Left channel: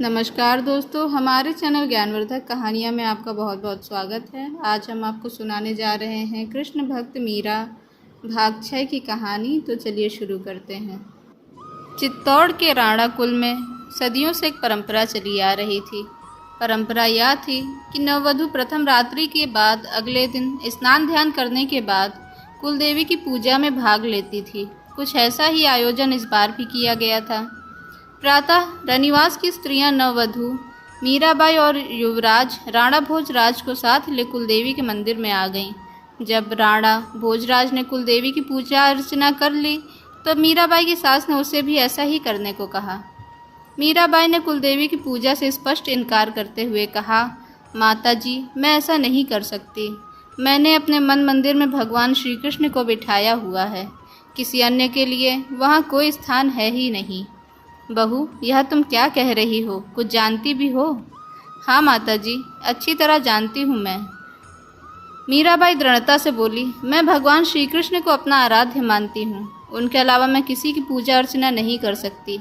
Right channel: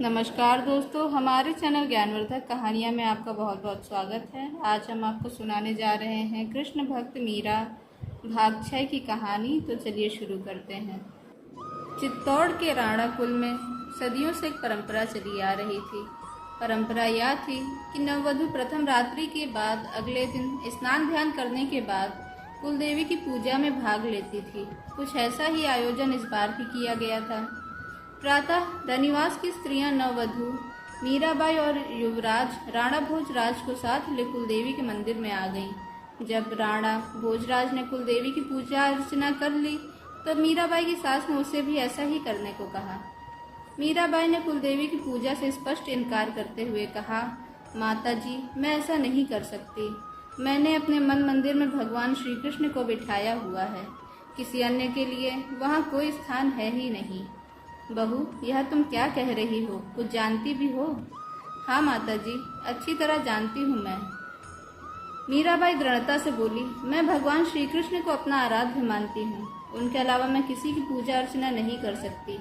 नमस्कार दोस्तों, हमारे चैनल ज्ञानवर्धक कहानियाँ में आपका बहुत बहुत स्वागत है। आज हम आपको सुनाने जा रहे हैं कृष्ण भक्त मीरा भाग 6 की कहानी। तो चलिए शुरू करते हैं। चित्तौड़ के राणा कुल में सदियों से एक परंपरा चली आ रही थी। परंपरा यह थी कि नववधु प्रथम रात्रि के बाद अगले दिन स्नान ध्यान करने के बाद कुलदेवी की पूजा में भाग लेती थी। कुछ ऐसा ही आयोजन इस बार भी किया गया था। प्रातः रनिवास की स्त्रियां नववधु मीराबाई और युवराज राणा भोजराज को साथ ले कुलदेवी के मंदिर में आ गईं। जब राणा भोजराज ने कुलदेवी की पूजा अर्चना कर ली तो मीराबाई की सास ने उसे भी ऐसा ही करने को कहा। मीराबाई ने कुलदेवी की पूजा से स्पष्ट इनकार करते हुए कहा, माता जी, मैं ऐसा नहीं कर सकती। मैंने अपने मन मंदिर में भगवान श्री कृष्ण को बिठाया हुआ है। किसी अन्य के लिए वहाँ कोई स्थान है ही नहीं। बहू, यह तुम क्या कह रही हो? कुछ जानती भी हो? हाँ माता जी, अच्छी तरह जानती हूँ मैं। मीराबाई दृढ़ता से बोली, मैं भगवान श्री कृष्ण को अपना आराध्य मानती हूँ। उनके अलावा मैं किसी की पूजा अर्चना नहीं कर सकती।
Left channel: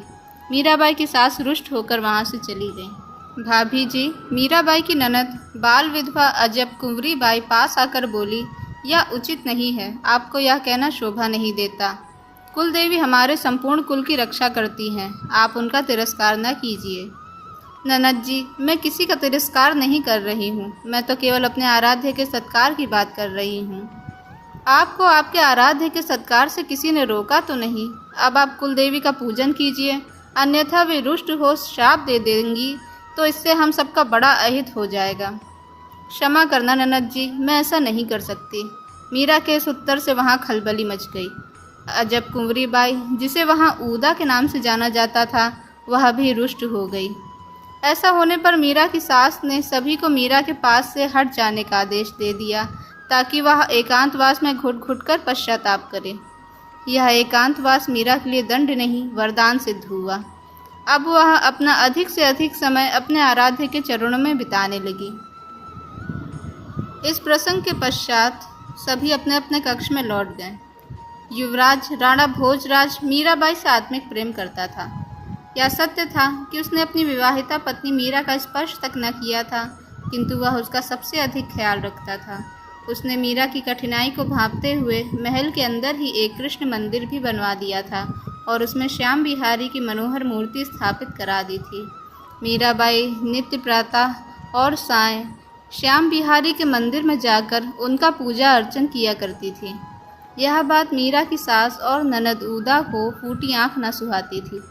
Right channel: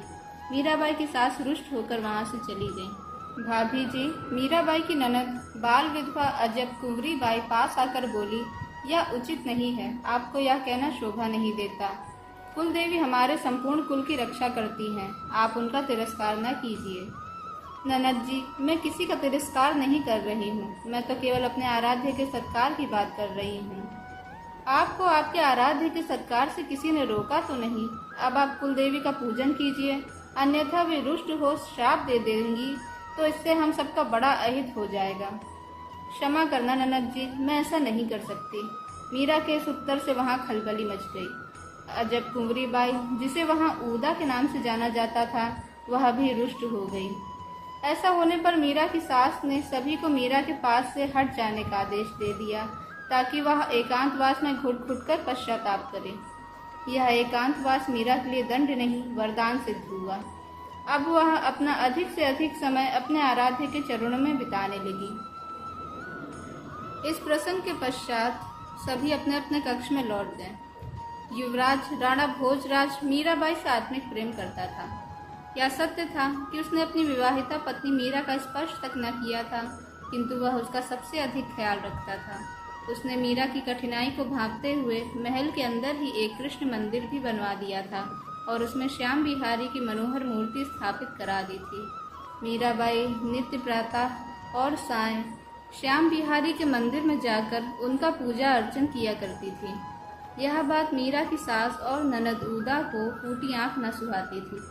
मीराबाई की सास रुष्ट होकर वहाँ से चली गई। भाभी जी, मीराबाई की ननद बाल विधवा अजब कुंवरी बाई पास आकर बोली, यह उचित नहीं है। आपको यह कहना शोभा नहीं देता। कुलदेवी हमारे संपूर्ण कुल की रक्षा करती हैं। आप उनका तिरस्कार न कीजिए। ननद जी, मैं किसी का तिरस्कार नहीं कर रही हूँ। मैं तो केवल अपने आराध्य के सत्कार की बात कर रही हूँ। आपको आपके आराध्य के सत्कार से किसी ने रोका तो नहीं। अब आप कुलदेवी का पूजन कीजिए, अन्यथा वे रुष्ट हो शाप दे देंगी तो इससे हम सबका बड़ा अहित हो जाएगा। क्षमा करना ननद जी, मैं ऐसा नहीं कर सकती। मीरा के इस उत्तर से वहाँ खलबली मच गई। अजब कुंवरी बाई, जिसे वहाँ ऊदा के नाम से जाना जाता था, वह भी रुष्ट हो गई। ऐसा होने पर मीरा की सास ने सभी को मीरा के पास से हट जाने का आदेश दे दिया ताकि वह एकांतवास में घुट घुट कर पश्चाताप करे। यह एकांतवास मीरा के लिए दंड नहीं वरदान सिद्ध हुआ। अब वह अपना अधिक से अधिक समय अपने आराध्य के चरणों में बिताने लगी। इस प्रसंग के पश्चात सभी अपने अपने कक्ष में लौट गए। युवराज राणा भोजराज मीराबाई से आत्मिक प्रेम करता था। यह सत्य था कि उसने अपनी विवाहिता पत्नी मीरा का स्पर्श तक न किया था, किंतु वह उसका सबसे अधिक ख्याल रखता था। उसने मीरा की कठिनाई को भांपते हुए महल के अंदर ही एक कृष्ण मंदिर भी बनवा दिया था और उसमें श्याम बिहारी की मनोहर मूर्ति स्थापित करा दी थी। मीराबाई नित्य प्रातः और सायं श्याम बिहारी के मंदिर में जाकर उनका पूजा अर्चन किया करती थी। यह बात मीरा की सास और ननद ऊदा को फूटी आंख न सुहाती थी।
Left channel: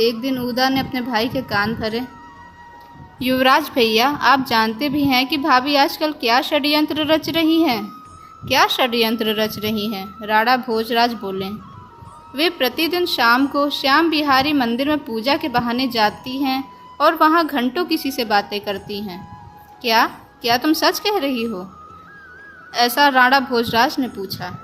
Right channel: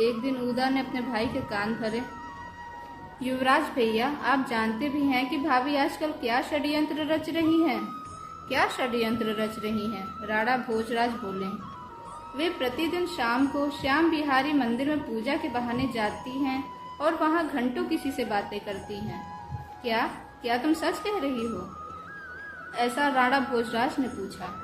एक दिन ऊदा ने अपने भाई के कान भरे, युवराज भैया, आप जानते भी हैं कि भाभी आजकल क्या षड्यंत्र रच रही हैं। क्या षड्यंत्र रच रही हैं? राणा भोजराज बोले। वे प्रतिदिन शाम को श्याम बिहारी मंदिर में पूजा के बहाने जाती हैं और वहाँ घंटों किसी से बातें करती हैं। क्या क्या तुम सच कह रही हो? ऐसा राणा भोजराज ने पूछा।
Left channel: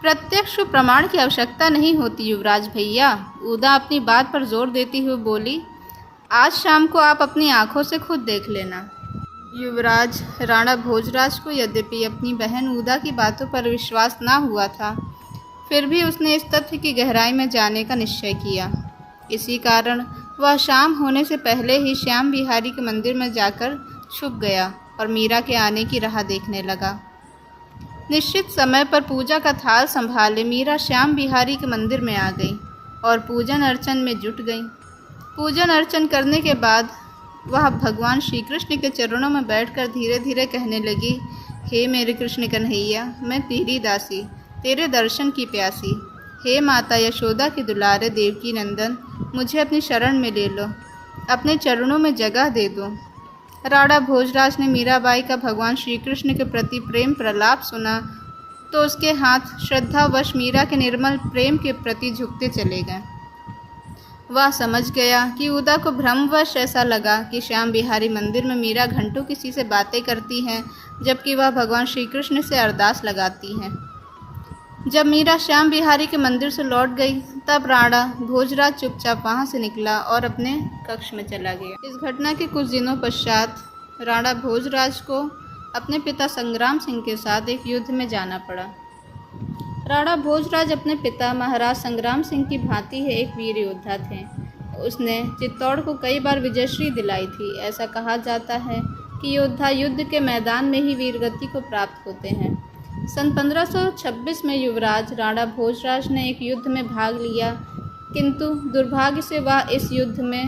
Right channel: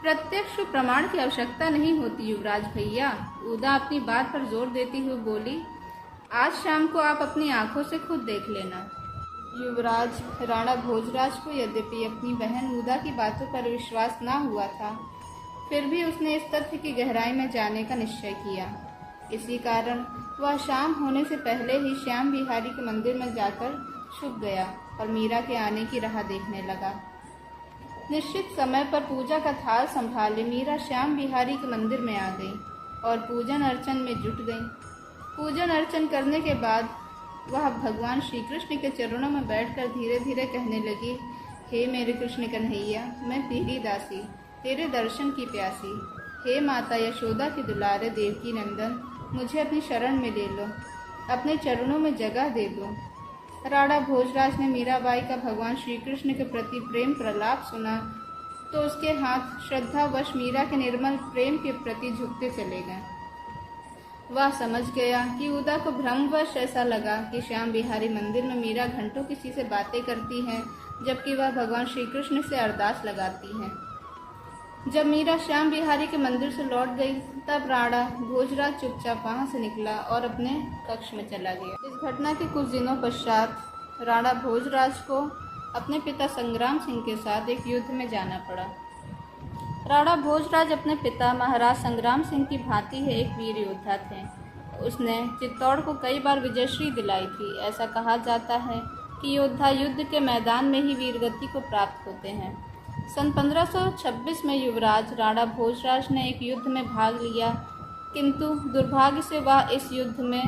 प्रत्यक्ष प्रमाण की आवश्यकता नहीं होती युवराज भैया, ऊदा अपनी बात पर जोर देती हुई बोली। आज शाम को आप अपनी आंखों से खुद देख लेना। युवराज राणा भोजराज को यद्यपि अपनी बहन ऊदा की बातों पर विश्वास ना हुआ था, फिर भी उसने इस तथ्य की गहराई में जाने का निश्चय किया। इसी कारण वह शाम होने से पहले ही श्याम बिहारी के मंदिर में जाकर छुप गया और मीरा के आने की राह देखने लगा। निश्चित समय पर पूजा का थाल संभाले मीरा श्याम बिहारी के मंदिर में आ गई और पूजन अर्चन में जुट गई। पूजन अर्चन करने के बाद वह भगवान श्री कृष्ण के चरणों में बैठकर धीरे धीरे कहने लगी, हे मेरे कृष्ण कन्हैया, मैं तेरी दासी, तेरे दर्शन की प्यासी। हे माता यशोदा के दुलारे देवकी नंदन, मुझे अपनी शरण में ले लो, अपने चरणों में जगह दे दो। राणा भोजराज ने मीराबाई का भगवान श्री कृष्ण के प्रति प्रेम प्रलाप सुना तो उसके हाथ श्रद्धावश मीरा के निर्मल प्रेम के प्रति झुकते चले गए। वह समझ गया कि ऊदा को भ्रमवश ऐसा लगा कि श्याम बिहारी मंदिर में मीरा घंटों किसी से बातें करती हैं, जबकि वह भगवान श्री कृष्ण से अरदास लगाती हैं। जब मीरा श्याम बिहारी के मंदिर से लौट गई तब राणा भोजराज चुपचाप वहाँ से निकला और अपने कक्ष में चला गया। इस घटना के कुछ दिनों पश्चात राणा भोजराज को अपने पिता संग्राम सिंह के साथ एक युद्ध में जाना पड़ा। राणा भोजराज अपने पिता महाराज संग्राम सिंह की भांति है एक वीर योद्धा थे। उसने चित्तौड़ को कई बार विजयश्री दिलाई थी। ऐसा कहा जाता है कि योद्धा युद्ध के मैदान में ही वीरगति को प्राप्त होते हैं। सन 1526 में युवराज राणा भोजराज ने एक युद्ध में भाग लिया, किंतु दुर्भाग्य से वह इस युद्ध में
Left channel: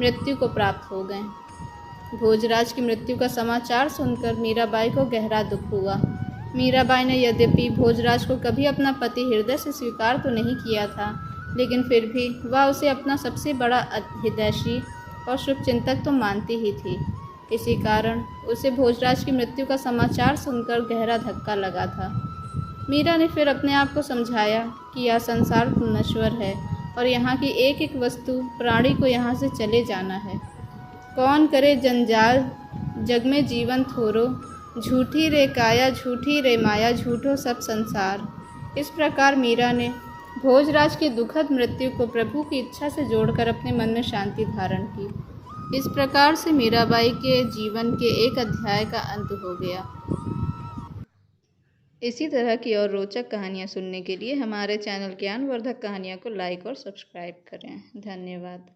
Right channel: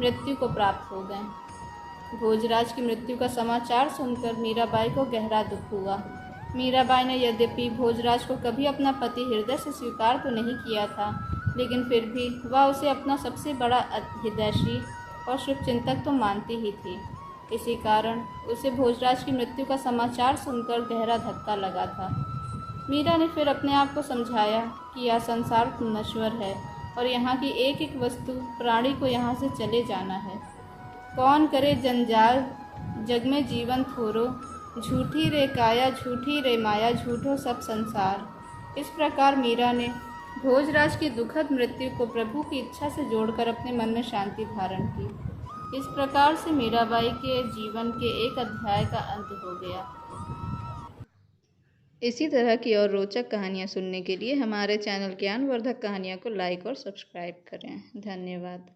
मृत्यु को प्राप्त हो गए। भोजराज की मृत्यु का समाचार सुनकर मीराबाई को गहरा दुख हुआ। मीराबाई ने यद्यपि भोजराज को कभी अपना पति हृदय से स्वीकार तो नहीं किया था, लेकिन फिर भी वह उसे अपना सबसे बड़ा हितैषी और शुभचिंतक तो मानती ही थी। इसी कारण उसे भोजराज की मृत्यु का समाचार सुनकर गहरा धक्का लगा था। मीरा ने फिर अपने आप को समझाया कि यह संसार नश्वर है और यहाँ की एक एक वस्तु प्राणी को यहाँ से चले जाना है। कौन करे जंजाल जग में जीवन थोरो, झूठी रे काया झूठी रे माया झूठो सब संसार। इस प्रकार मीरा ने भोजराज की दुखद मृत्यु को प्रभु की इच्छा से जोड़कर अपने मन में शांति धारण की। इस प्रकार से मीराबाई के जीवन के एक अध्याय का अंत हो गया। इसी तरह की और रोचक कहानियाँ सुनने के लिए हमारे चैनल ज्ञानवर्धक कहानियाँ को लाइक और सब्सक्राइब करें। धन्यवाद।